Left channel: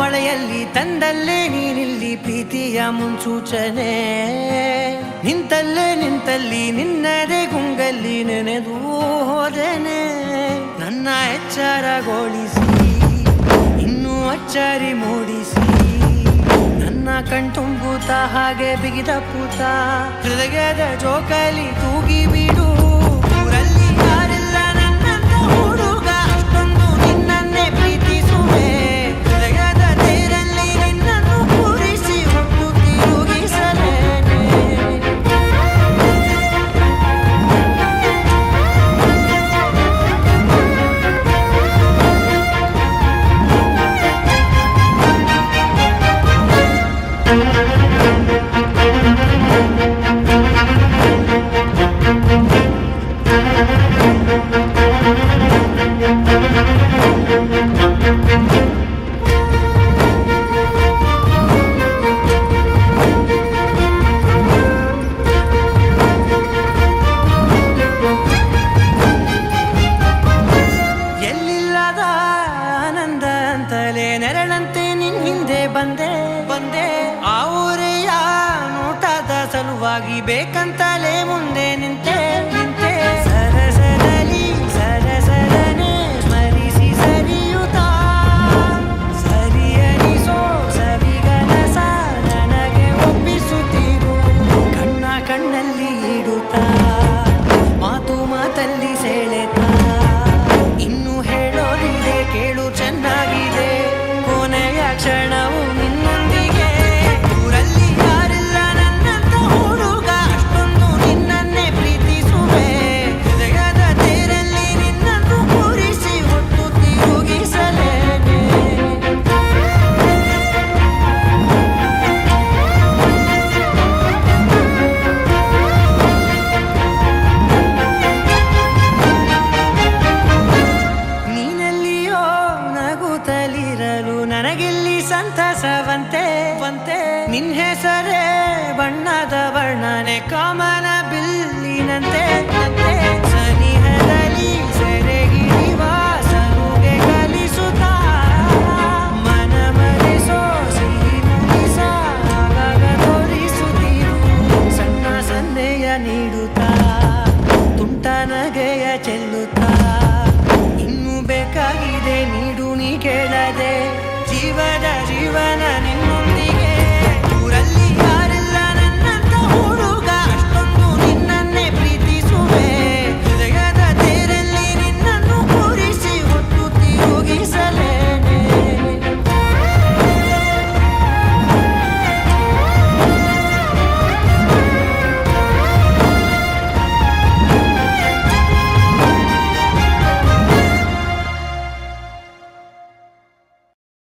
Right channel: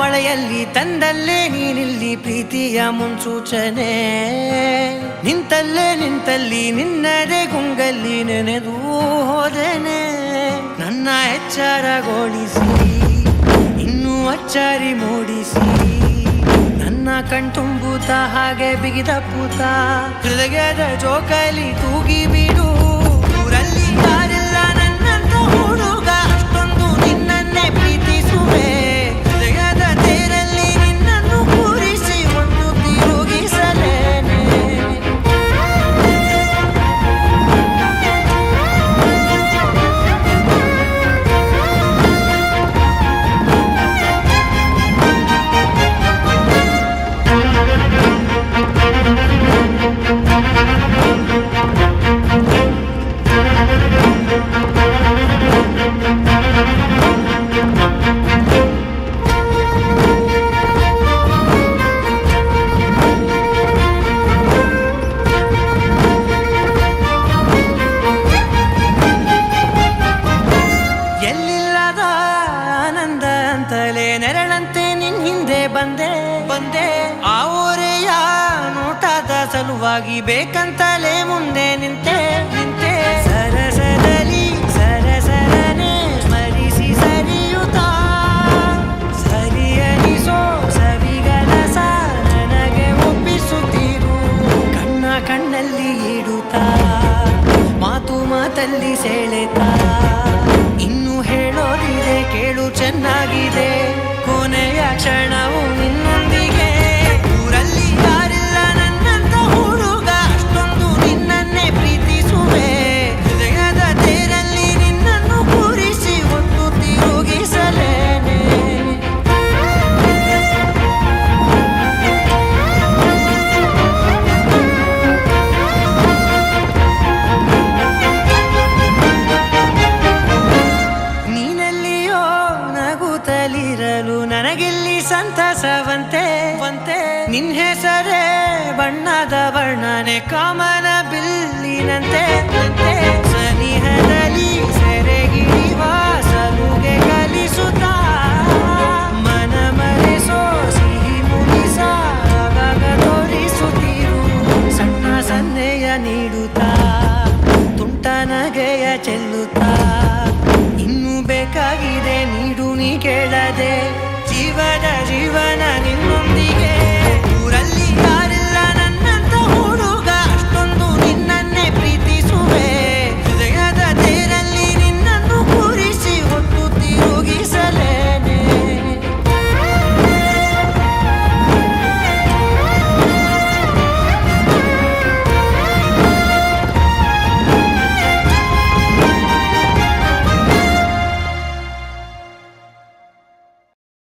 ಮಳೆಯಲ್ಲಿ ತಂದಲ್ಲೇ ನೀನಿಲ್ಲಿ ಪ್ರೀತಿಯ ಮುನ್ಸೂಚನೆ, ನಿಂತಲ್ಲಿ ನಿನ್ನದೇ ಗುಂಗಲ್ಲಿ ನೆನೆದು ಹೋದೆನೆ. ನನ್ನ ಎಚ್ಚರಗೊಳಿಸಿ ಇನ್ನೂ ಅಚ್ಚರಿ ಮೂಡಿಸಿ, ನನ್ನ ಕಣ್ತುಂಬುತ್ತ ಹಾಗೆ ಬಿಗಿದಪ್ಪುತ್ತ ಹೃದಯದ ಜೋಕಾಲಿ ತೂಗಿ ಬಿಡು. ಊರಲ್ಲಿ ಯಾರಿಲ್ಲ ನನ್ನಂತ ಹುಡುಗ, ಅಷ್ಟೊಂದು ನಿನ್ನನ್ನೇ ಪ್ರೀತಿಸುವೆ. ಹೃದಯದ ತೇರಲ್ಲಿ ನಿನ್ನನ್ನು ಕೂರಿಸಿ ಹೊತ್ತು ತಿರುಗಿಸಲೇನೆ. ಎಲ್ಲಿಲ್ಲದ ಆನಂದ ಅಂತಲೇ ನೆರಳಂತೆ ನಿನ್ ಹಿಂದೆ ಬಂದೆ. ಆ ಊರೆಯ ನೋಟದ ಸಲುವಾಗಿ ಬೇಕಂತಲೇ ಮುಂದೆ ನಿಂತೆ. ಸರಸದಲ್ಲಿ ಸರಸರನೆ ಸ್ಮರಿಸಿ ಸರಿಯುತ್ತಾ, ಸರಿಯನಿಸೋ ಸವಿಗನಸ ನನಗೆ ಒಪ್ಪಿಸುತ್ತೀರು. ಕಣ್ಣಲ್ಲಿ ಇಡುತ್ತಾ, ಮಾತಲ್ಲಿ ಸೆಳೆತಾ, ಇನ್ನು ಹೇಳೋದಿದೆ ಕೇಳು ಚೆನ್ನಾಗಿದೆ. ಕೊನೆಯ ಕ್ಷಣವು ನಿನ್ನೊಂದಿಗೆ. ಊರಲ್ಲಿ ಯಾರಿಲ್ಲ ನನ್ನಂತ ಹುಡುಗ, ಅಷ್ಟೊಂದು ನಿನ್ನನ್ನೇ ಪ್ರೀತಿಸುವೆ. ಹೃದಯದ ತೇರಲ್ಲಿ ನಿನ್ನನ್ನು ಕೂರಿಸಿ ಹೊತ್ತು ತಿರುಗಿಸಲೇನೆ. ನೀನೆಲ್ಲಿಯೋ ನಗುತ್ತಲಿರಲು ನನಗಿಲ್ಲಿ ಸಂತಸವಂತೆ. ನಿನ್ ಹೆಸರೇ ಬಣ್ಣದ ವರ್ಣನೆ ಕಾಮನ ಬಿಲ್ಲಿನಂತೆ. ಸನಿಹದಲ್ಲಿ ಸೆರೆ ಹಿಡಿಯುವ ಸಲುಗೆ ಕಲಿಸುತ್ತಾ, ಮನ ಮರೆಸೋ ಸಿಹಿ ಮುನಿಸ ಆಗಾಗ ತೋರಿಸುತ್ತೀರು. ಸಣ್ಣ ಸನ್ನೆಯ ನೀಡುತ್ತಾ, ತುಂಟ ನಗೆಯ ಚೆಲ್ಲುತ್ತಾ, ಇನ್ನು ಬೇಕಾಗಿದೆ ನೀಡು ನೀ ಕೇಳದೆ. ಜೀವನ ನಿನ್ನೊಂದಿಗೆ.